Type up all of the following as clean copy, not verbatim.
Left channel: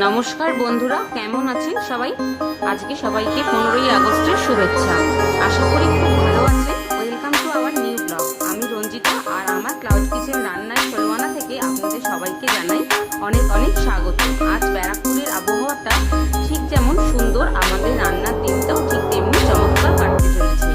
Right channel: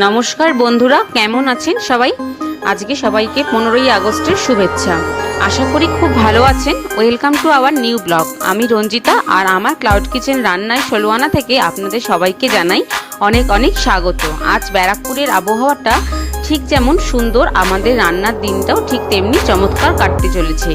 নমস্কার বন্ধুরা, কেমন আছেন সবাই? আজকে সবাইকে 15ই আগস্টের শুভেচ্ছা। আশা করি খুব ভালো আছেন। Welcome to our new blog. আমি রঞ্জিতা আর আমার ক্লাউড কিচেন রান্নায় ষোলোআনা থেকে আপনাদের সবাইকে জানাই অনেক অনেক স্বাগত। আজ ব্যারাকপুরের আবহাওয়াটা ঠিক যেমন সুন্দর, আমাদের রান্নার দিনটাও ঠিক তেমনি চমৎকার কাটতে চলেছে।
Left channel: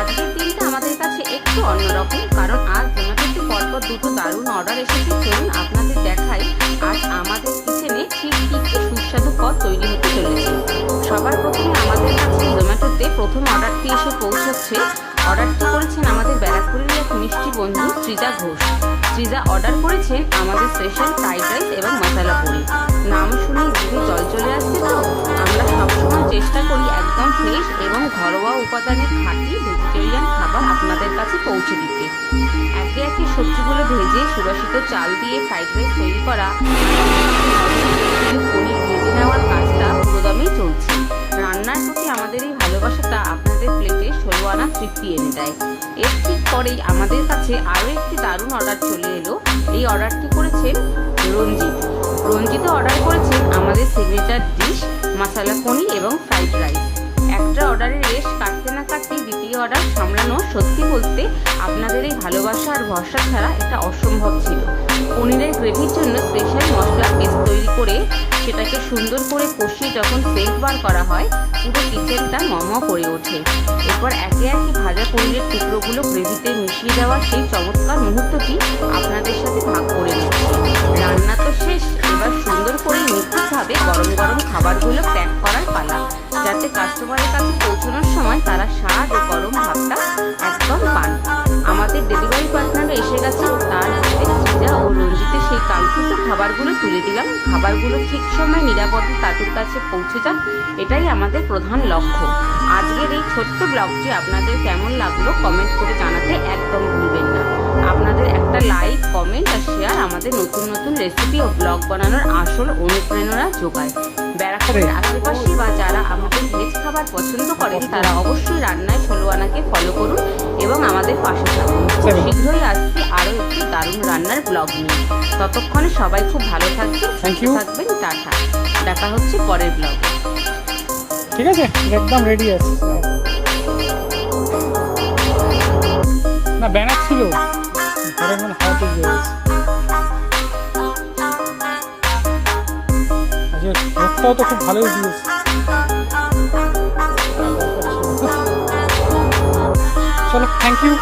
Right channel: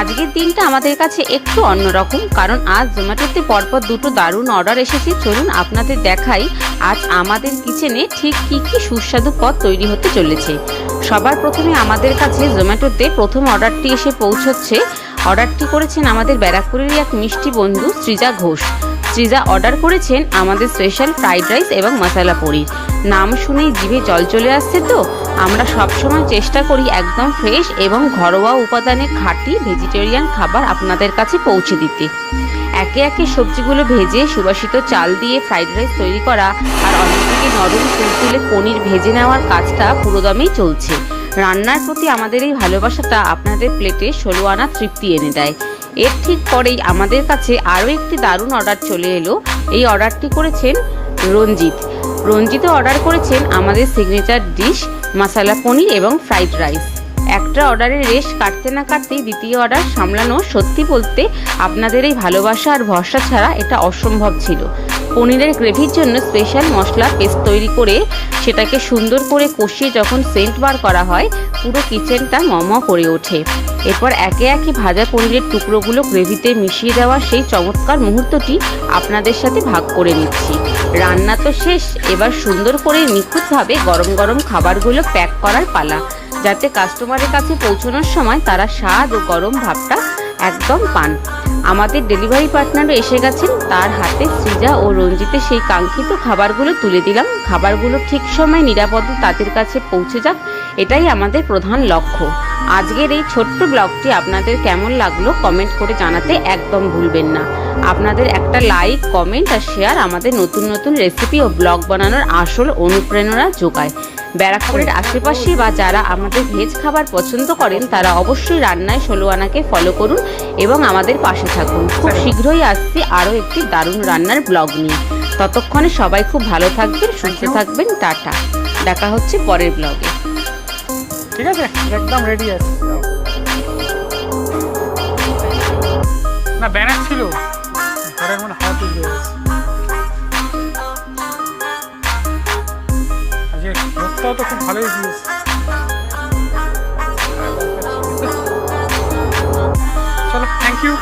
আজকের দিনটা আমাদের কাছে একটু অন্যরকম, কারণ আজ জোম্যাটোতে পরপর দুটো দারুণ অর্ডার এসেছে। চলুন আপনাদের দেখাই আজ আমাদের কিচেনে ঠিক কী কী সুস্বাদু পদ তৈরি হতে চলেছে। সবার প্রথমে আমাদের কাছে জোম্যাটোতে প্রথম অর্ডারটি এসে পৌঁছচ্ছে। অর্ডারটি করেছেন আমাদের ব্যারাকপুরেরই এক মিষ্টি বন্ধু সৃজা ঘোষ। সৃজা অর্ডার করেছেন আমাদের স্পেশাল ফ্রাইড রাইস এবং মশলা পনির। নাম শুনেই জিভে জল চলে আসছে। তো আমরা সবসময় চেষ্টা করি একদম ফ্রেশ এবং ঘরোয়া উপাদানে খাঁটি ভেজিটেরিয়ান খাবার আপনাদের কাছে পৌঁছে দিতে। একে একে সবজিগুলো ভেজে সুবাসিত চাল দিয়ে ফ্রাইড রাইস তৈরি করা আর অন্যদিকে নরম তুলে পনির ভেজে নেওয়ার কাজটা পুরোদমেই চলছে। রান্নার প্রতি আমাদের এই ভালোবাসাটা আপনাদের প্লেটে 16 আনা তৃপ্তি এনে দেয়। এর ঠিক পরেই আমাদের কাছে আরও একটি দারুণ অর্ডার চলে এলো। এই অর্ডারটি করেছেন রঞ্জিতও অর্ডার করেছেন আমাদের সিগনেচার ডিশ মশলা পনির এবং ফ্রাইড রাইস। একটা অর্ডারের রেশ কাটতে না কাটতেই দ্বিতীয় অর্ডার সামলানো সত্যি বলতে আপনাদের এই ভালোবাসা আর ভরসা ছাড়া এটা অসম্ভব ছিল। পনিরের গ্রেভির জন্য স্পেশাল মশলা পেস্ট তৈরি করে সেটাকে সুন্দর করে কষিয়ে যখন সেন্ট বার করা হয়, পুরো কিচেনটা মম করে ওঠে। এরপর একে একে ভাজা পনিরের টুকরোগুলো গ্রেভিতে মিশিয়ে দেওয়ার সেই চমৎকার মুহূর্তটি আপনাদের সাথে ভাগ করে নিচ্ছি। রান্না তো শেষ, এবার সুন্দর করে নিখুঁতভাবে গরম গরম খাবারগুলো প্যাক করার পালা, যাতে কাস্টমারের কাছে পৌঁছানোর সময় তারা স্বাদ ও গরম ভাবটা একদম পান। আমাদের ডেলিভারি পার্টনারও এসে গেছেন, তার হাতে সৃজা ও রঞ্জিতের সেই কাঙ্ক্ষিত খাবারগুলো তুলে দিলাম। খাবারগুলো ঠিক সময় নিরাপদে তাদের কাছে পৌঁছে যাক, এটাই আমাদের প্রধান লক্ষ্য। আজকের এই ছোট্ট ব্লগটি আপনাদের কেমন লাগলো কমেন্ট করে জানাতে একদম ভুলবেন না। আপনাদের একটা লাইক, কমেন্ট আর শেয়ার আমাদের নতুন নতুন রেসিপি ও ব্লগ বানানোর আসল অনুপ্রেরণা যোগায়। ব্যারাকপুরের আশেপাশে বা যারা আমাদের ভেজ খাবার পছন্দ করেন তারা অবশ্যই রান্নায় 16 আনাকে ফলো করুন এবং আমাদের পাশে থাকুন। খুব শীঘ্রই আসছি আরও একটি দারুণ রান্নার ব্লগ নিয়ে। ততক্ষণে সবাই খুব ভালো থাকবেন, সুস্থ থাকবেন। টাটা, দেখা হচ্ছে পরের ব্লগে। ঠিক আছে, একদম রেডি আছে। না ব্যানার ছিল ঘরের মধ্যে, হাওয়াতে দিয়ে গেছে। আজকে রোদটাও তো খুব ভালোই দিয়েছে। চলো, থ্যাংক ইউ।